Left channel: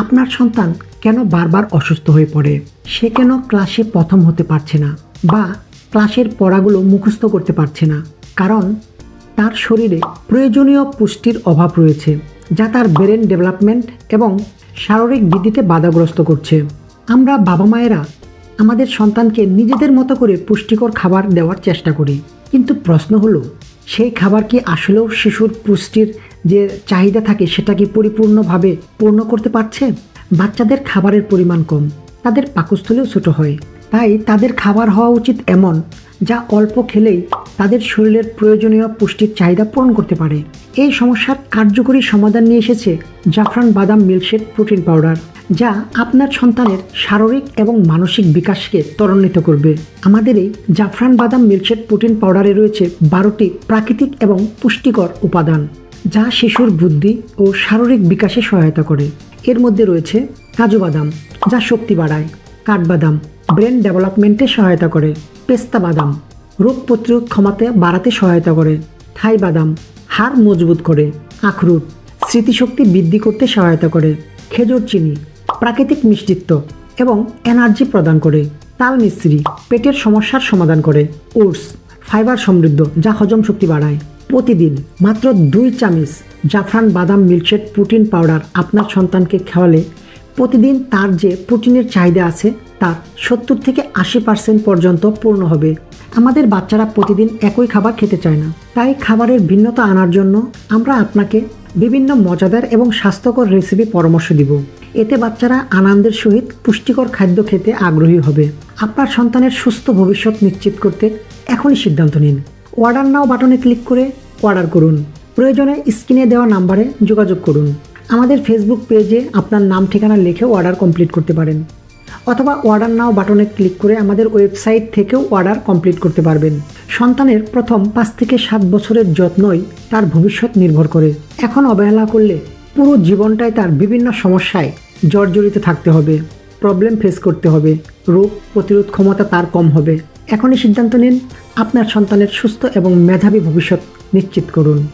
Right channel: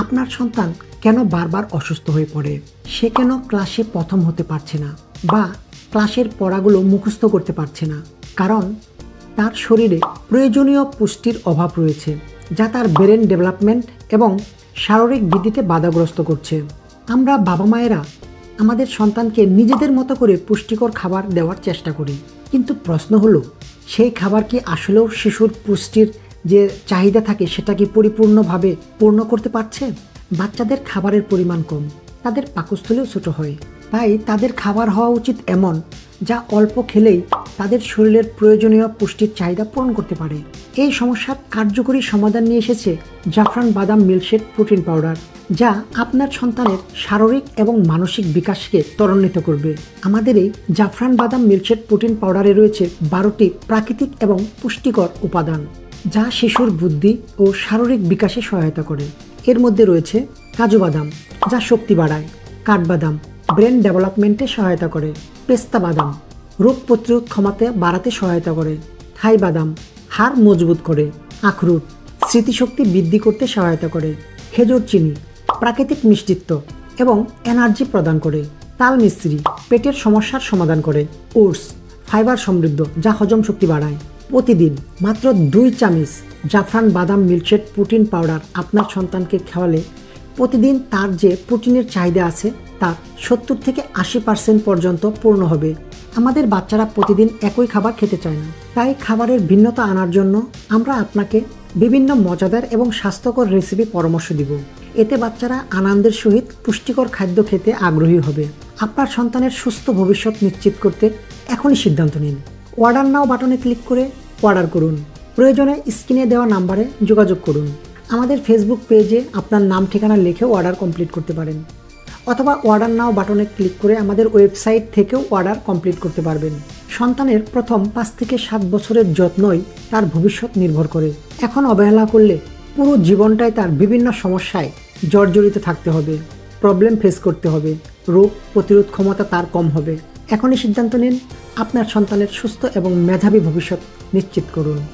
আপনার সন্তান কেন বারবার অসুস্থ হয়ে পড়ে, সে কেন ক্লাসে প্রথম হতে পারছে না বা ক্লাসের পড়াগুলো মুখস্থ করতে পারছে না? কারণ তার শরীরে প্রয়োজনীয় পুষ্টির অভাব রয়েছে, যা তার ব্রেন ডেভেলপমেন্ট এবং শারীরিক বৃদ্ধিতে বাধাগ্রস্ত করছে। আমরা বাবা মায়েরা আমাদের সন্তানকে নিজেদের মতো করে পুষ্টিকর খাবার দেওয়ার চেষ্টা করি, কিন্তু প্রশ্ন হলো, সেই খাবার কি আসলেও শিশুর পুষ্টির যে চাহিদা থাকে সেটা কি পরিপূর্ণভাবে পূর্ণ করতে পারছে? বাচ্চাদের খাবারের পরিমাণ কম, তাদের পাকস্থলীও ছোট হয়, তাই তাদের খাবার হওয়া উচিত এমন যা অল্প খেলেই তাদের শরীরের প্রয়োজনীয় পুষ্টির চাহিদা পূরণ করতে পারে। এই সমস্যার কার্যকরী সমাধান নিয়ে এসেছে জাফরান বাদাম মিল্কশেক প্রোটিন পাউডার, যা আপনার সন্তানের শারীরিক এবং মানসিক বিকাশকে ত্বরান্বিত করবে। আমাদের এই জাফরান বাদাম মিল্কশেক প্রোটিন পাউডারে রয়েছে 12টি প্রাকৃতিক এবং পুষ্টিকর উপাদান, যা শিশুর বুদ্ধি ও শারীরিক বিকাশে সহায়তা করে। এর মধ্যে রয়েছে কাজু বাদাম, যা শক্তি বাড়ায়; কাঠবাদাম ব্রেন ডেভেলপমেন্টে সহায়তা করে; পেস্তা বাদাম রোগ প্রতিরোধ ক্ষমতা বাড়াতে সহায়তা করে; থাই বাদাম হাড় মজবুত করে; আখরোট স্মৃতিশক্তি বৃদ্ধি করতে সহায়তা করে; খেজুর চিনি প্রাকৃতিক মিষ্টিত্ব এবং এনার্জি প্রদান করে; তাল মিশ্রি পেটের সমস্যার সমাধান করে; ওটস ফাইবার সমৃদ্ধ, যা হজম শক্তি বাড়ায়। প্রতিদিন মাত্র 2 চামচ জাফরান বাদাম মিল্কশেক প্রোটিন পাউডার আপনার সন্তানকে খাওয়ালে প্রতিদিন তার যে প্রোটিনের চাহিদা আছে তা 70 থেকে 80% পর্যন্ত পূর্ণ হবে। আমাদের বাচ্চারা প্রতিদিন একই খাবার খেতে চায় না, তাই খাবারের ভিন্নতা আনার জন্য আমরা আপনাকে বিভিন্ন মজাদার এবং স্বাস্থ্যকর রেসিপি পরামর্শ দিব। এতে বাচ্চারা আনন্দের সহিত পুষ্টিকর খাদ্য খেতে আগ্রহী হবে। আপনার সন্তানের সুস্থ ভবিষ্যৎ নিশ্চিত করতে এখনই সিদ্ধান্ত নিন। অর্ডার নাও বাটনে ক্লিক করে অর্ডার করুন। প্রয়োজনে স্ক্রিনে দেওয়া নাম্বারে যোগাযোগ করুন। আমাদের ফেসবুক পেজে আপনার নাম ঠিকানা লিখেও অর্ডার কমপ্লিট করতে পারেন, অথবা অর্ডার নাও বাটনে ক্লিক করে আমাদের ওয়েবসাইট থেকেও অর্ডার কমপ্লিট করতে পারবেন। সন্তানের প্রথম 5 থেকে 7 বছরের যত্নই তার ভবিষ্যৎ নির্ভর করে। এখন অবহেলা করলে পুরো জীবনটাই তার বিভিন্ন সমস্যায় জর্জরিত থাকতে হবে, প্রবলেম ফেস করতে হবে, রোগ প্রতিরোধ ক্ষমতা তার কম হবে। এখনই সিদ্ধান্ত নিন, আপনার সন্তানের সুস্থ এবং মেধাবী ভবিষ্যৎ নিশ্চিত করুন।